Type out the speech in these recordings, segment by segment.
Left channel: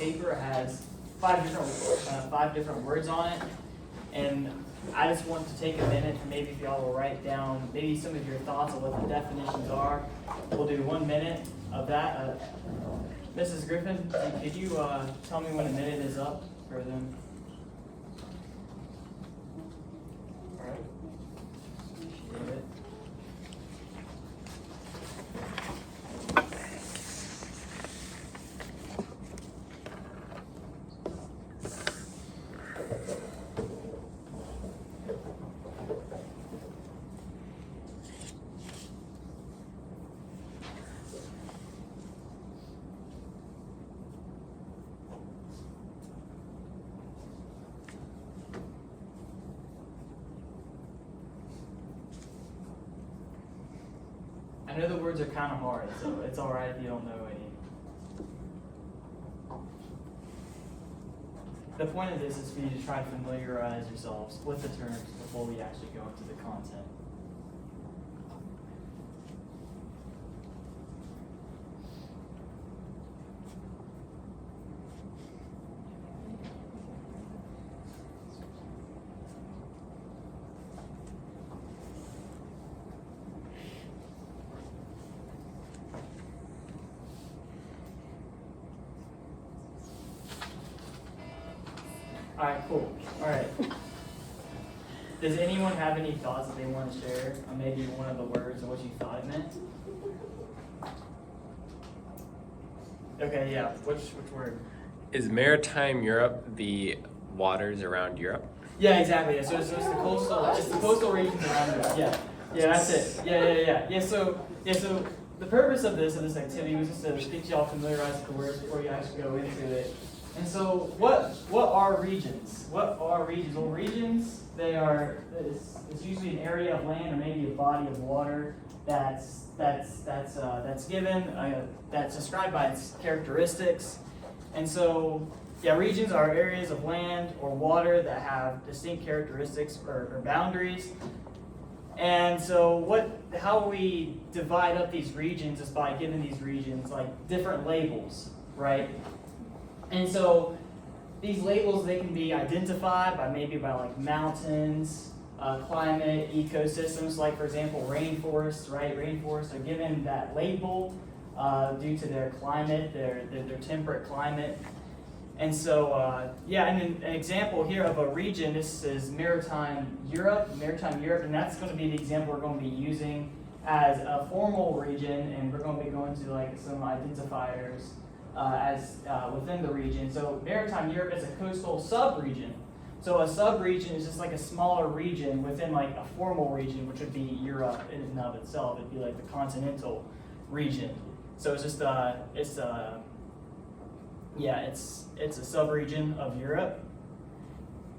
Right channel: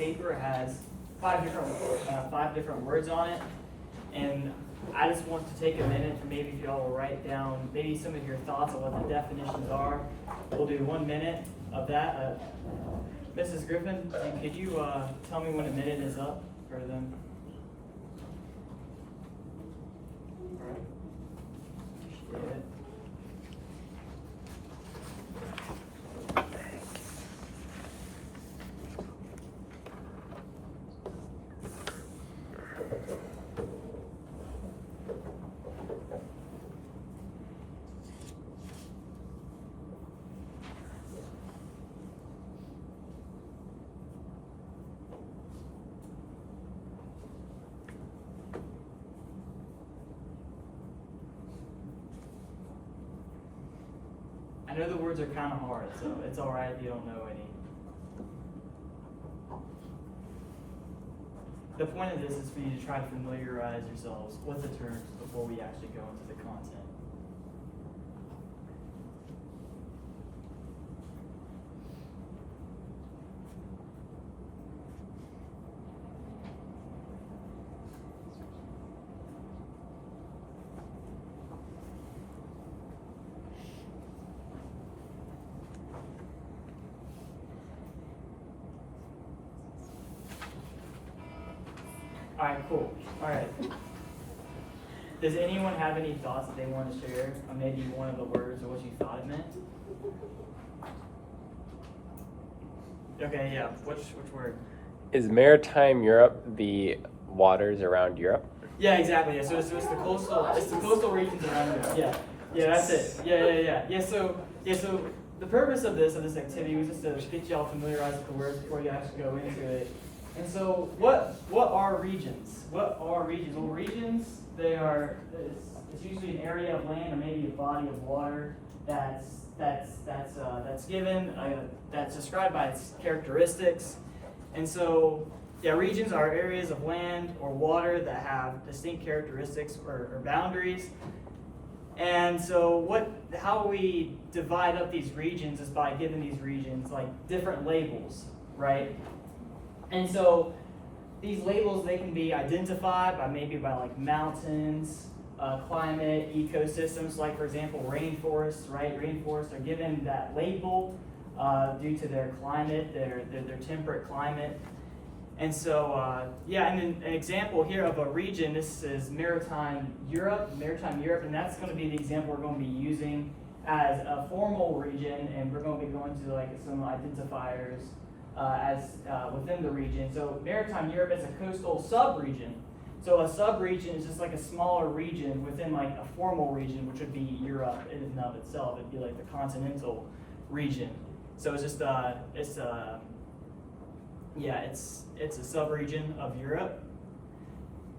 paper has five different words on it, and I just want to take a minute and maybe if y'all will write down maybe some of your thoughts on what the definitions are. We'll do 1 minute of that. Mrs. Griffin, could you tell me when a minute is up for them? All right. I know the words are kind of hard, so it's all right if you don't know any. The point of this is for you to try to familiarize yourselves with the terms before we actually go into the content. All right, cool. All right. Does anyone have any thoughts that they want to share on maybe one of the words or what you thought it meant? Okay, yeah. Which word? Is maritime Europe the waters around Europe? Yeah, exactly. Yeah. So it's the coastal regions around Europe. Yeah. Yeah, that's it. Yeah. So the purpose of this activity was just to get y'all familiarized with the words before you actually go into it. And so, what are regions? What are regions? Well, regions, it's usually an area of land or maybe a body of water that's given that's described by its characteristics. And so, yeah, regions are areas of land or water that have distinct characteristics or boundaries. And so, how we divide up these regions is by giving these regions like different labels, right? And so these labels, they can be identified by like mountains, climate, ecosystems, like for example, rainforests, right? Rainforests are given that label due to their climate, their temperate climate. And so, and an example here of a region, this is maritime Europe, and that's going to be the example we're going to be using as a formal region, and we're going to be going to like some identifiers within the region. So maritime Europe is a coastal sub-region. So a sub-region is just like a smaller region within like a formal region, which would be Europe in and of itself. It'd be like the continental region. So it's just it's a sub-region of Europe.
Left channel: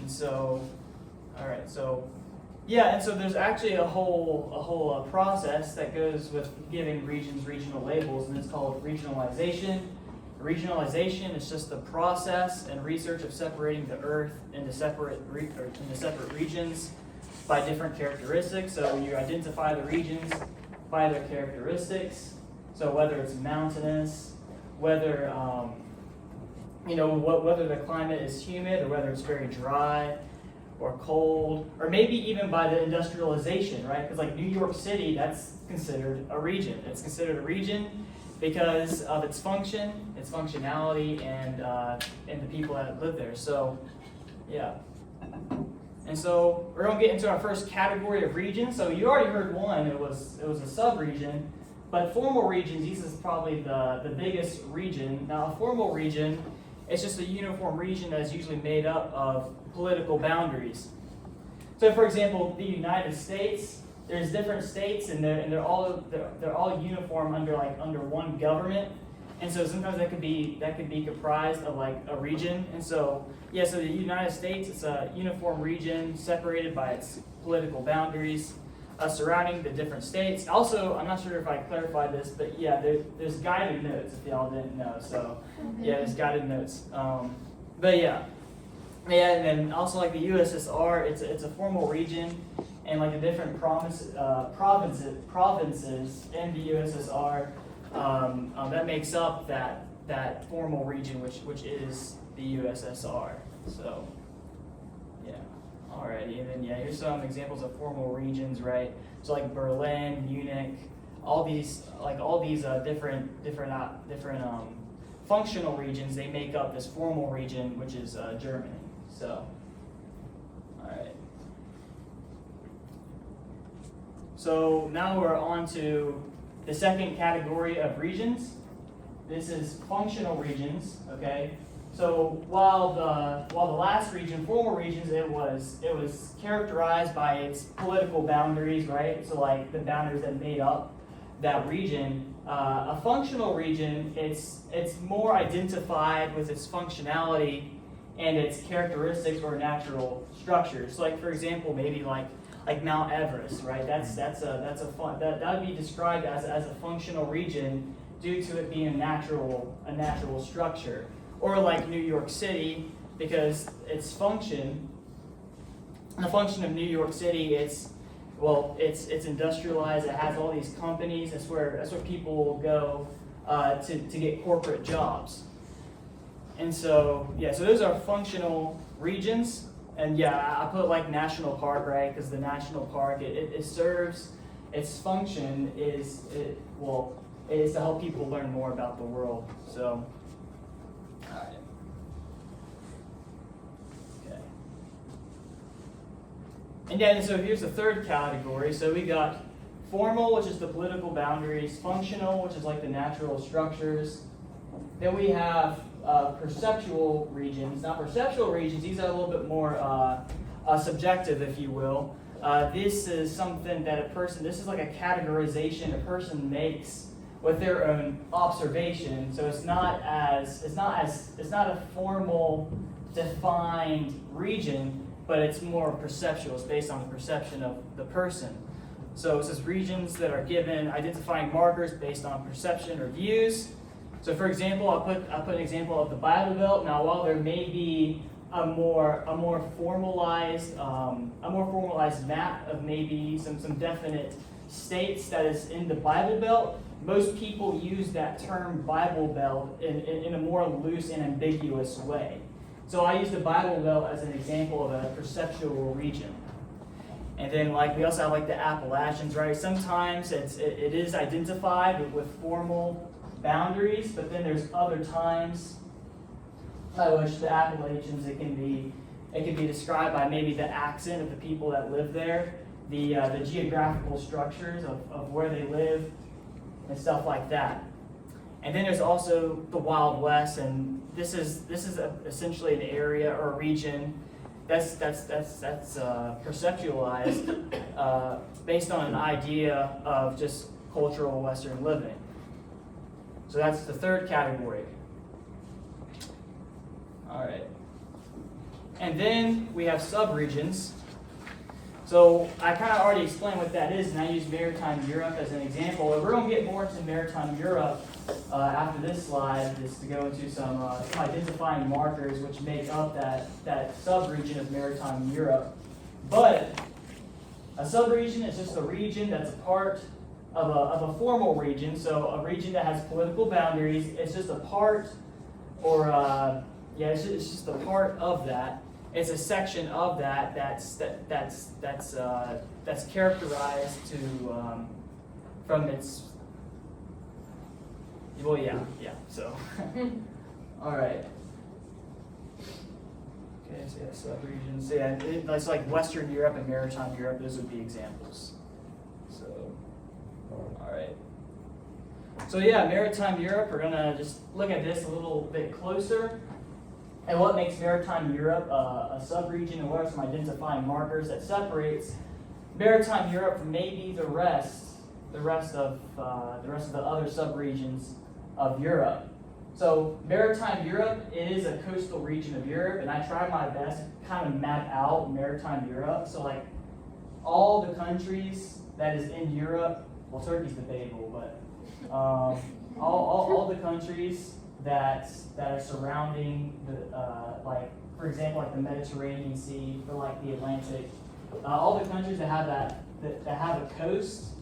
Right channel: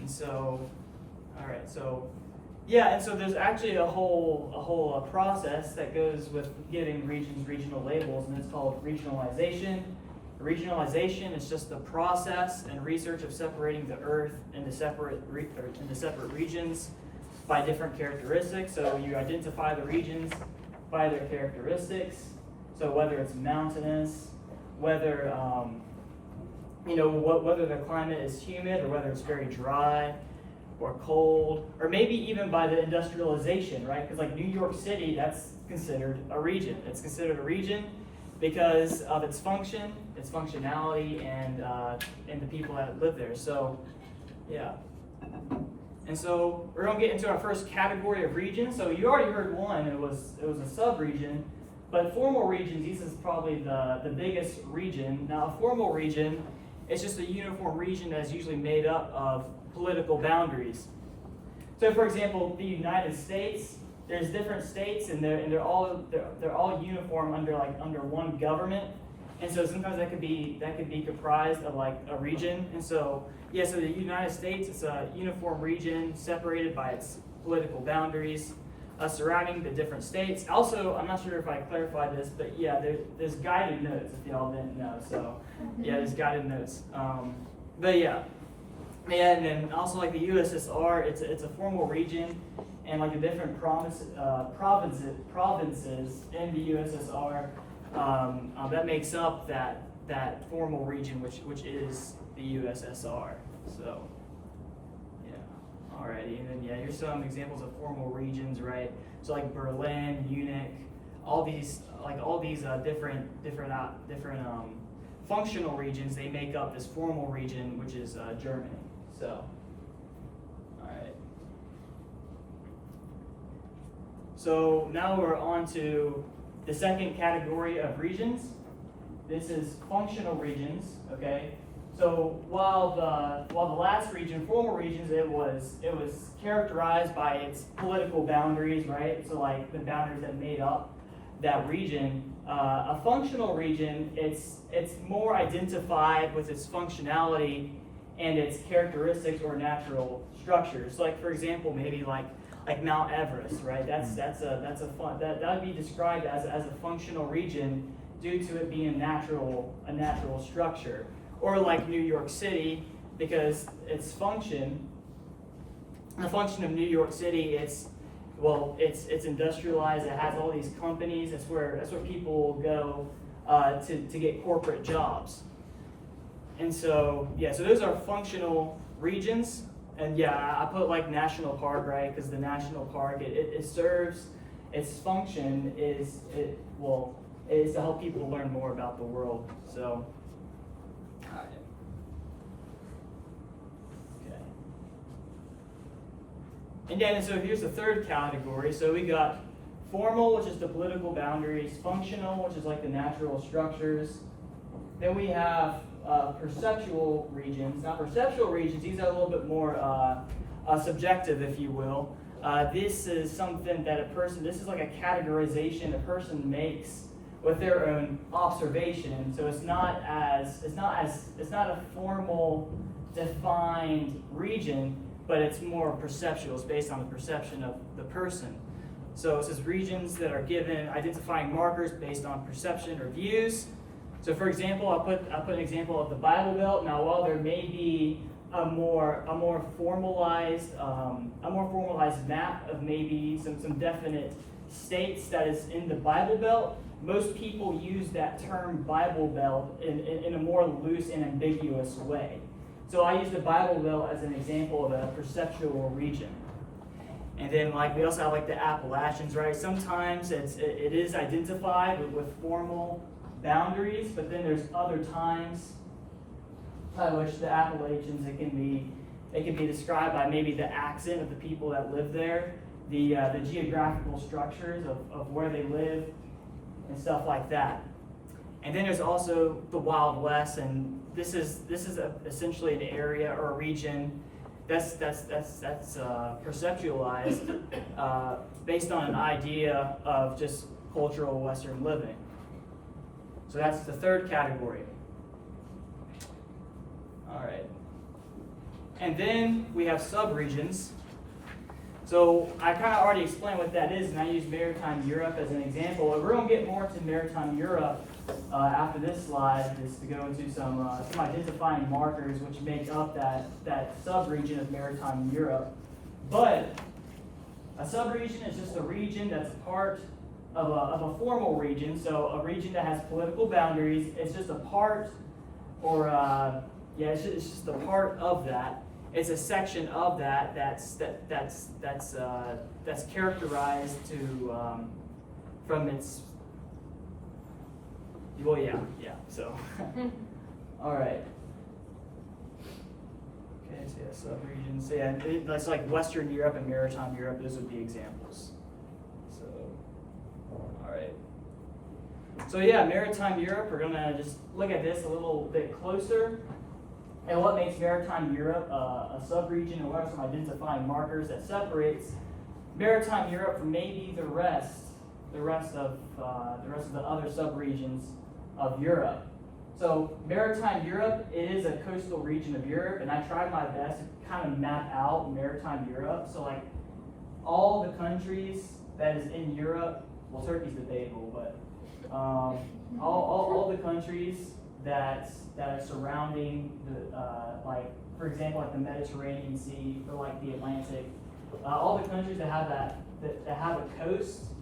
And so, all right, so yeah, and so there's actually a whole process that goes with giving regions regional labels, and it's called regionalization. Regionalization is just the process and research of separating the Earth into separate regions by different characteristics. So you identify the regions by their characteristics. So whether it's mountainous, whether whether the climate is humid or whether it's very dry or cold, or maybe even by the industrialization, right? Because like New York City, that's considered a region. It's considered a region because of its function, its functionality, and the people that live there. So, yeah. And so we're going to get into our first category of regions. So you already heard one. It was a sub-region, but formal regions. This is probably the biggest region. Now, a formal region, it's just a uniform region that is usually made up of political boundaries. So, for example, the United States. There's different states, and they're all uniform under one government, and so sometimes that could be comprised of like a region. And so so the United States, it's a uniform region separated by its political boundaries surrounding the different states. Also, I'm not sure if I clarified this, but yeah, there's guided notes if y'all didn't know. So yeah, there's guided notes. But yeah. Yeah, and then also like the USSR, it's a formal region, and like the different provinces in the USSR that makes up that that formal region, which is the USSR. So, yeah, alrighty, and then yeah, here's some examples of formal regions, right? So like Berlin, Munich, all these different functional regions, they make up this formal region, which is Germany. So, all right. So now we're on to the second category of regions. This is functional regions. Okay. So while the last region, formal regions, it was characterized by its political boundaries, right? So like the boundaries that made up that region. A functional region, it's more identified with its functionality and its characteristics or natural structures. So like for example, maybe like Mount Everest, right? That would be described as a functional region due to it being a natural structure. Or like New York City, because its function, the function of New York City, it's industrialized. It has all these companies. That's where people go to get corporate jobs. And so yeah, so those are functional regions. And yeah, I put like national park, right? Because the national park it serves, its function is to help people learn more about the world. So. All right. Okay. And then, so here's the third category. So we got formal, which is the political boundaries, functional, which is like the natural structures. Then we have perceptual regions. Now, perceptual regions, these are a little bit more subjective, if you will. This is something that this is like a categorization a person makes with their own observation. So it's not a formal defined region, but it's more perceptual. It's based on the perception of the person. So it says regions that are given identifying markers based on perception or views. So for example, I'll put an example of the Bible Belt. Now while there may be a more formalized map of maybe some definite states that is in the Bible Belt, most people use that term Bible Belt in a more loose and ambiguous way. So I use the Bible Belt as an example of a perceptual region. And then like we also have like the Appalachians, right? Sometimes it is identified with formal boundaries, but then there's other times by which the Appalachians it can be described by maybe the accent of the people that live there, the geographical structures of where they live, and stuff like that. And then there's also the Wild West, and this is essentially an area or a region that's perceptualized based on an idea of just cultural Western living. So that's the third category. All right. And then we have subregions. So I kind of already explained what that is, and I use maritime Europe as an example. And we're going to get more into maritime Europe after this slide, just to go into some identifying markers which make up that subregion of maritime Europe. But a subregion is just a region that's a part of a formal region, so a region that has political boundaries. It's just a part, or it's just a part of that. It's a section of that that's characterized to from its. Well, yeah. So, all right. Okay, so yeah, subregions. So yeah, it's like Western Europe and Maritime Europe. Those would be examples. So, all right. So yeah, Maritime Europe. We're gonna just look at this a little bit closer. And what makes Maritime Europe a subregion, and what are some identifying markers that separates Maritime Europe from maybe the rest of the other subregions of Europe? So Maritime Europe, it is a coastal region of Europe, and I tried my best to kind of map out Maritime Europe. So like all the countries that is in Europe, well, Turkey's debatable, but all the countries that are surrounding the like, for example, like the Mediterranean Sea or like the Atlantic, all the countries that have that have a coast,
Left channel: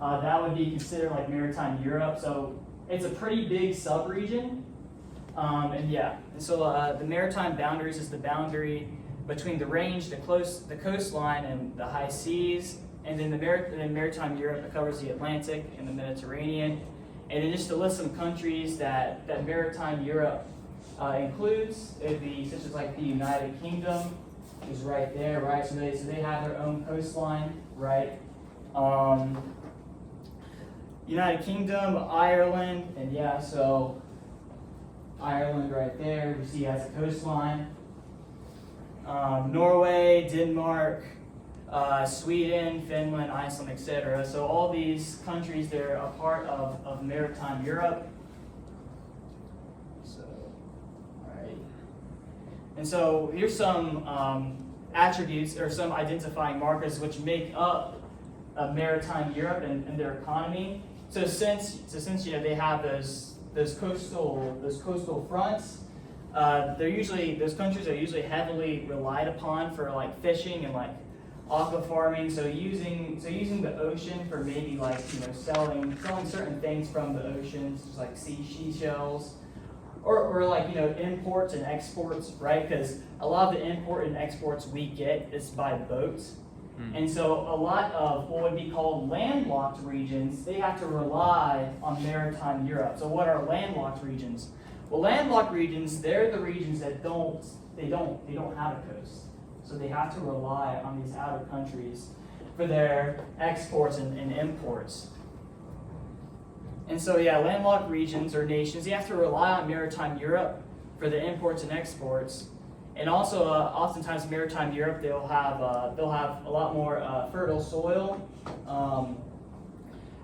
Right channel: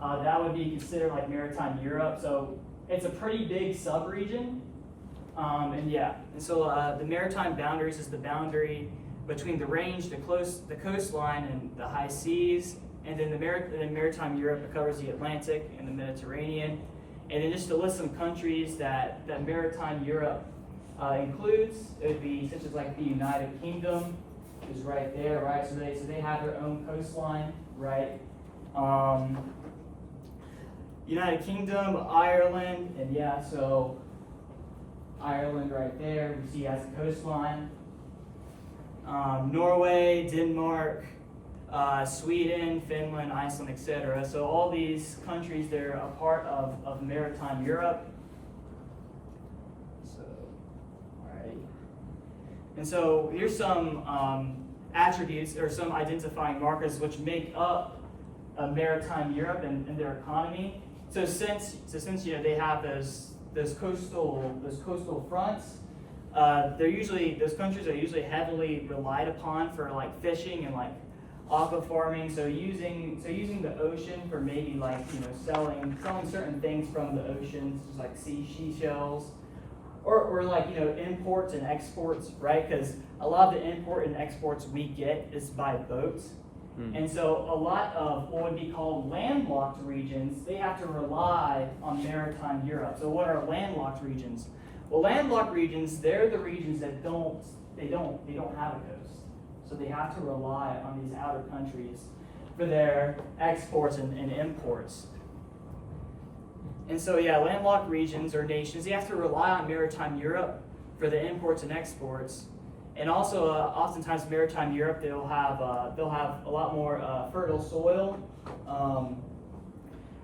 that would be considered like Maritime Europe. So it's a pretty big subregion, And so the maritime boundaries is the boundary between the range, the coastline, and the high seas. And then in maritime Europe, it covers the Atlantic and the Mediterranean. And then just to list some countries that maritime Europe includes, it would be such as like the United Kingdom is right there, right? So they have their own coastline, right? United Kingdom, Ireland, and yeah, so Ireland right there, you see has a coastline. Norway, Denmark, Sweden, Finland, Iceland, etc. So all these countries, they're a part of maritime Europe. So, all right. And so here's some attributes or some identifying markers which make up maritime Europe and their economy. So since they have those coastal fronts, those countries are usually heavily relied upon for like fishing and like aqua farming. So using the ocean for maybe like selling certain things from the ocean, such as like seashells, or like imports and exports, right? Because a lot of the import and exports we get is by boats. And so a lot of what would be called landlocked regions, they have to rely on maritime Europe. So what are landlocked regions? Well, landlocked regions, they're the regions that don't have a coast. So they have to rely on these outer countries for their exports and imports. And so yeah, landlocked regions or nations, they have to rely on maritime Europe for the imports and exports. And also, oftentimes, maritime Europe, they'll have a lot more fertile soil,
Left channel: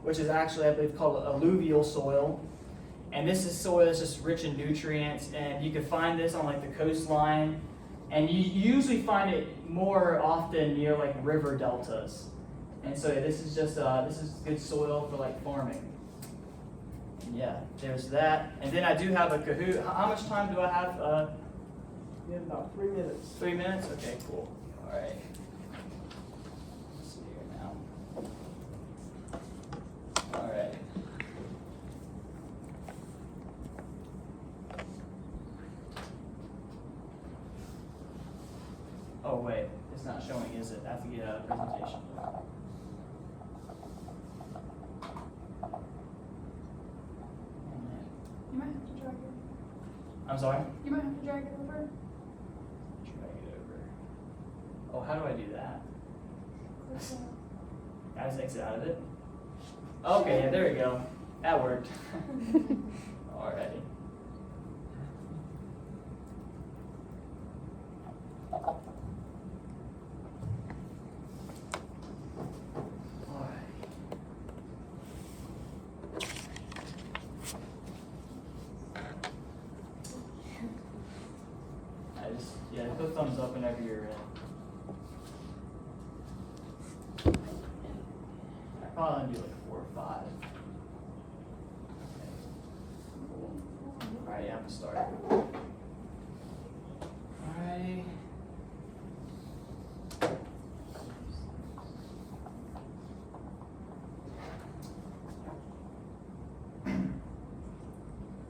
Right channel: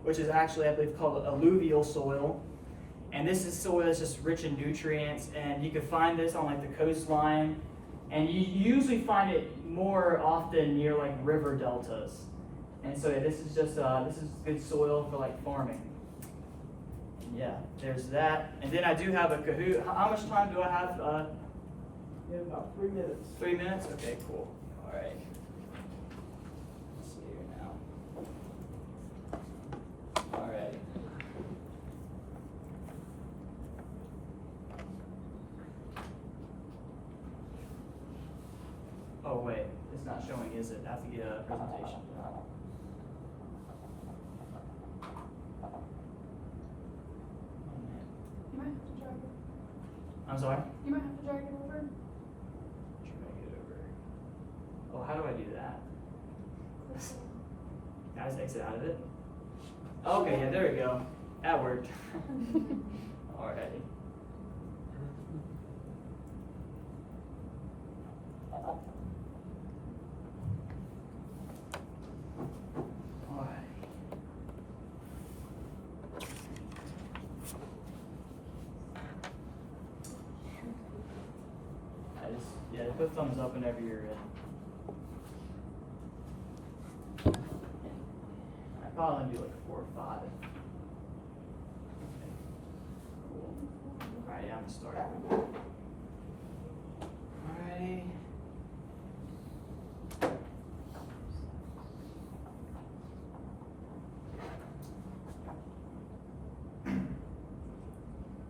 which is actually, I believe, called alluvial soil. And this is soil that's just rich in nutrients, and you can find this on like the coastline, and you usually find it more often near like river deltas. And so yeah, this is good soil for like farming. Yeah, there's that. And then I do have a Kahoot. How much time do I have? About 3 minutes. 3 minutes? Okay, cool. All right. Let's see here now. All right. Oh, wait. It's not showing, is it? I have to get a presentation. You might have to drag it. I'm sorry? You might have to drag it over. Drag it over. Oh, how do I do that? I just exit out of it? Okay, yeah, there we go. That worked. Alrighty. Yeah, put thumbs up whenever you're in. I probably do like 4 or 5. Okay. Cool. Alright, yeah, I'm gonna start. Alrighty.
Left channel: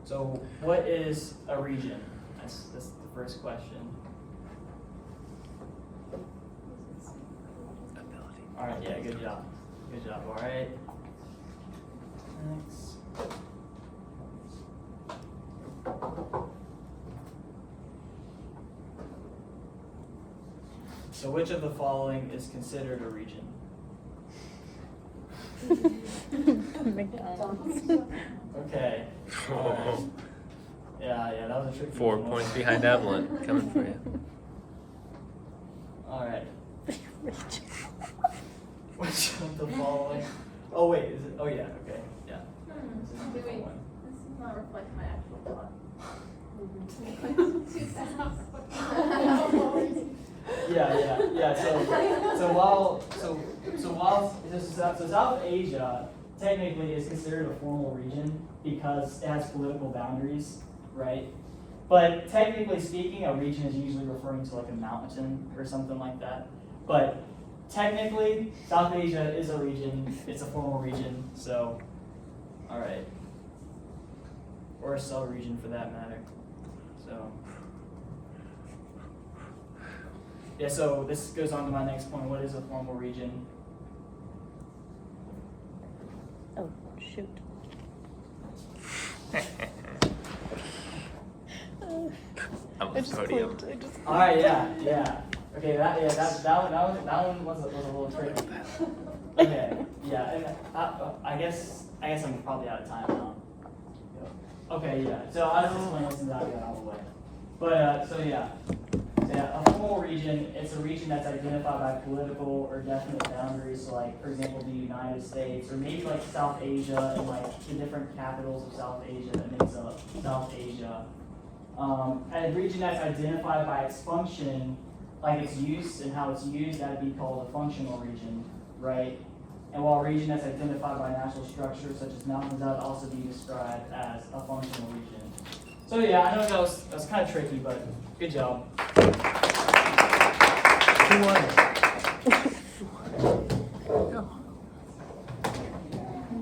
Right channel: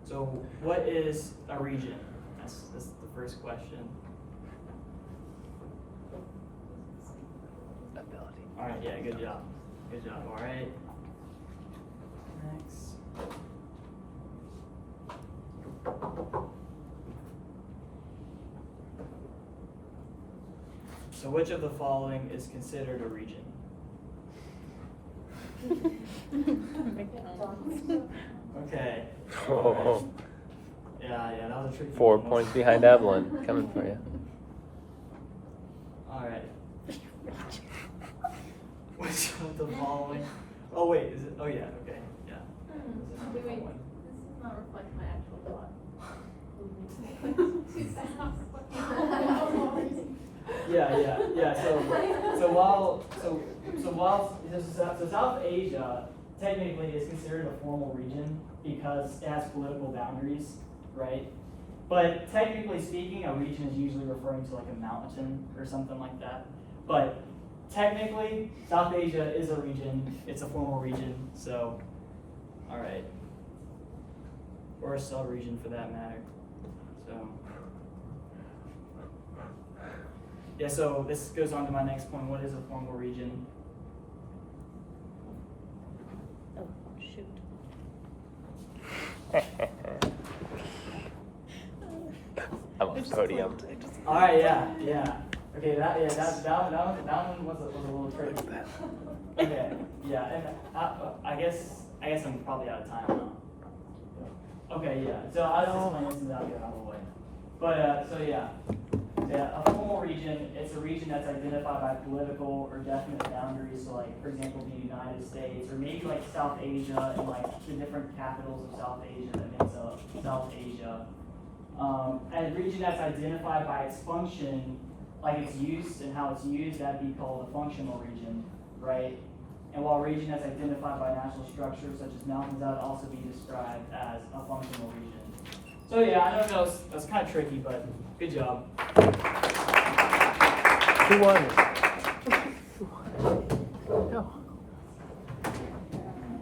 So, what is a region? That's the first question. All right, yeah, good job. Good job, all right. Thanks. So which of the following is considered a region? Okay. All right. Yeah, that was a tricky 4 one. points behind Evelyn. Coming for you. All right. Which of the following? Oh wait, is it? Oh yeah, okay, yeah. This is not the Wait, one. this does not reflect my actual thought. Yeah. So South Asia technically is considered a formal region because it has political boundaries, right? But technically speaking, a region is usually referring to like a mountain or something like that. But technically, South Asia is a region. It's a formal region. So, all right, or a sub-region for that matter. So. Yeah, so this goes on to my next point. What is a formal region? Oh, shoot. I'm on the podium. All right, yeah. Okay, that one was a little tricky. Okay, yeah, and I guess I'm probably out of time now. Okay, yeah. So I'll just explain this and then I'll get out of the way. But so yeah, a formal region, it's a region that's identified by political or definite boundaries. So like, for example, the United States, or maybe like South Asia and like the different capitals of South Asia that makes up South Asia. And a region that's identified by its function, like its use and how it's used, that'd be called a functional region, right? And while a region that's identified by natural structures such as mountains, that would also be described as a functional region. So yeah, I know that was kind of tricky, but good job. Who won?